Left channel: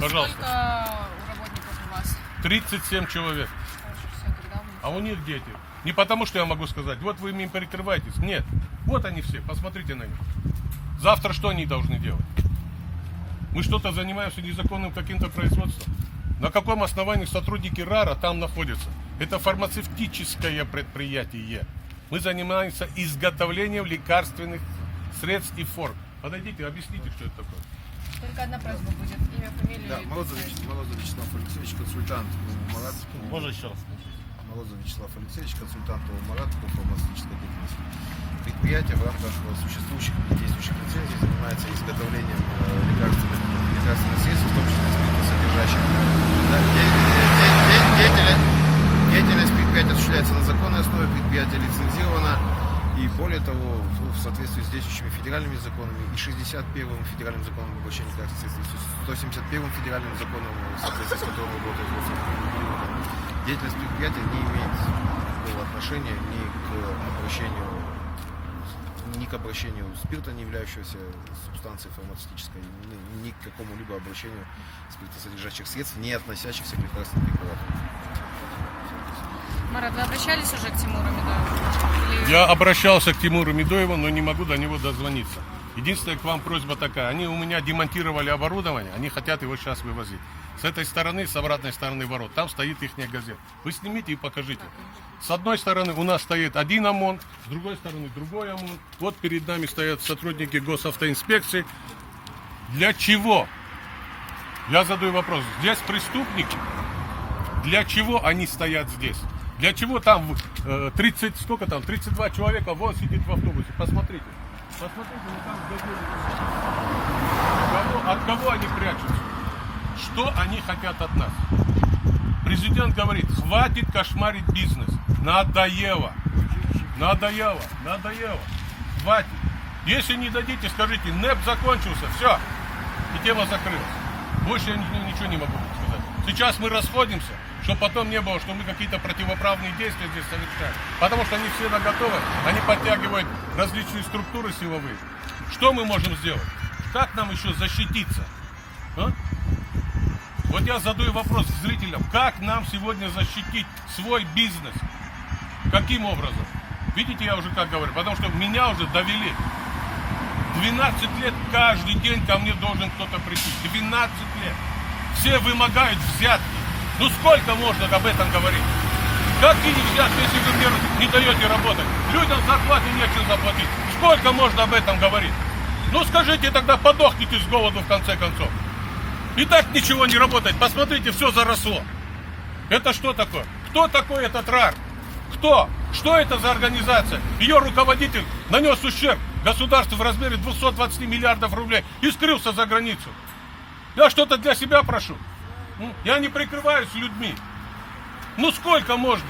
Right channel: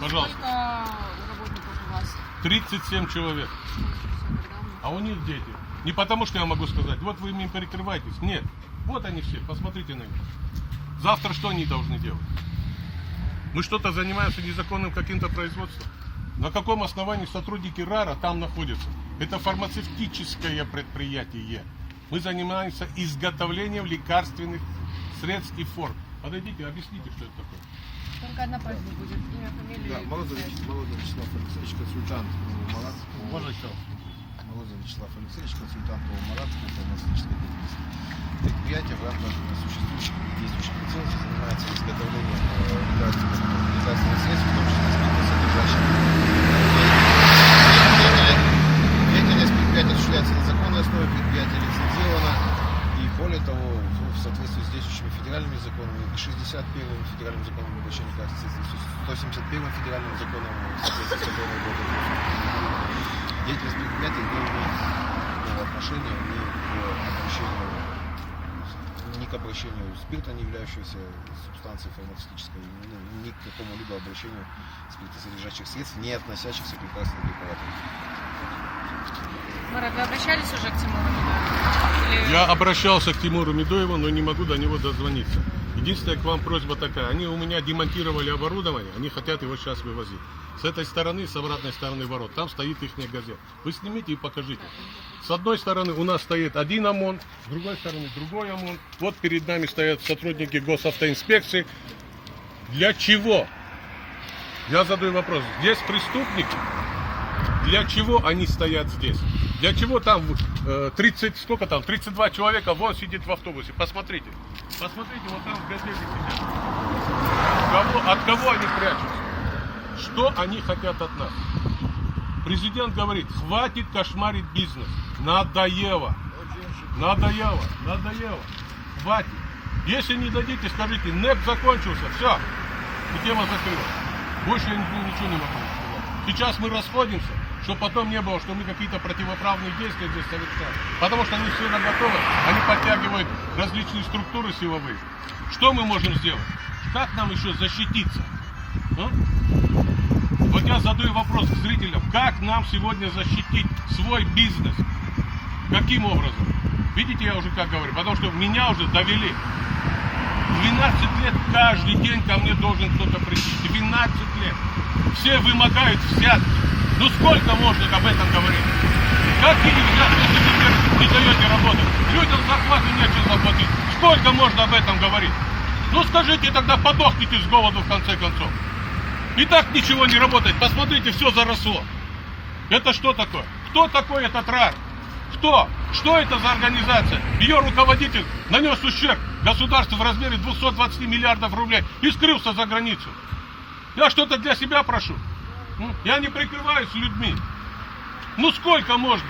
Пожалуйста. Сколько работников у вас? 37 человек. А у них дети. Не потому, что я могу сказать, вот вы им перекрываетесь. Нет. Вот они все, посмотрите на них. Завтра что они должны делать? Мы что-то занимаемся незаконным каким-то производством. На каком основании сотрудники РАРа там находятся? Это фармацевтическое предприятие. Мы занимаемся изготовлением лекарственных средств и форм. Подойдите, объясните, что это такое. Только одна просьба будет. Имя, фамилия. Да, Морозов Вячеслав Алексеевич, консультант МАРАТ. Можно еще раз? Морозов Вячеслав Алексеевич, консультант МАРАТ по фармацевтической деятельности. Предприятие в рамках существующих и действующих лицензий занимается изготовлением лекарственных средств, в том числе спиртосодержащих. Деятельность предприятия осуществляется на законной основе, предприятие лицензировано, и более того, в соответствии с действующими федеральными законами и 61-м федеральным законом об обращении лекарственных средств, 171-м федеральным законом, в соответствии с которым работает деятельность предприятия не имеет никакого отношения ни к обращению спирта, не являющегося субстанцией фармацевтической, ни к какому-либо обращению спиртосодержащих средств, не относящихся к лекарственным препаратам. Марат, вы обращались уже к Тимуру Медоеву? Я обращался к Тимуру Медоеву, но не могу до него дозвониться. Единственная к вам просьба такая. Они у меня демонтировали оборудование, они хотят его сейчас вывозить. С этой стороны, с обратной стороны ворот, там стоит их газета. Вы снимите и покажите. С одной стороны у нас стоит один ОМОН, с другой стороны другой ОМОН. Вот перед нами стоят сотрудники госавтоинспекции. Для чего? Я задаю вопрос. Здесь преступники? Для чего они стоят здесь? Для чего там 32 человека вон сидит в автобусе? Посмотрите. Посмотрите, вот там в газете сидят. От кого они прячутся? Что они хотят от нас? Президент говорит, хватит кошмарить бизнес. Надоело. Надоело. Надоело. Хватит. Если не дадите, скажите, НЭП закончился, все. И тема закрылась. Больше я ничего не могу сказать. Сейчас мы расходимся, чтобы потом не было, что мы какие-то противоправные действия здесь совершаем. Потому что они все наготове, они подтягивают различные структуры силовые. Что мы можем сделать? Как нам еще защититься? А? Вот я задаю вопрос к зрителям. Как нам сегодня защитить свой бизнес? Каким образом? Видите, я уже так говорю, потому что меня уже довели. 12 лет каждый день ко мне должен кто-то прийти. 12 лет. Все вымогают взятки. Ну сколько можно об этом говорить? Какие взятки, если вы не даете работать? Людям зарплаты нечем заплатить. Сколько можно об этом говорить? Ну скажите, тогда подохните с голоду в конце концов. И так ничего не работает. Посмотрите, все заросло. Это что такое? Кто такой этот РАР? Кто? Что это за организация? Ее руководитель нанес ущерб государству в размере 220 миллиардов рублей и скрылся за границу. Я что-то для себя прошу. Я не прикрываюсь людьми. Ну сколько можно?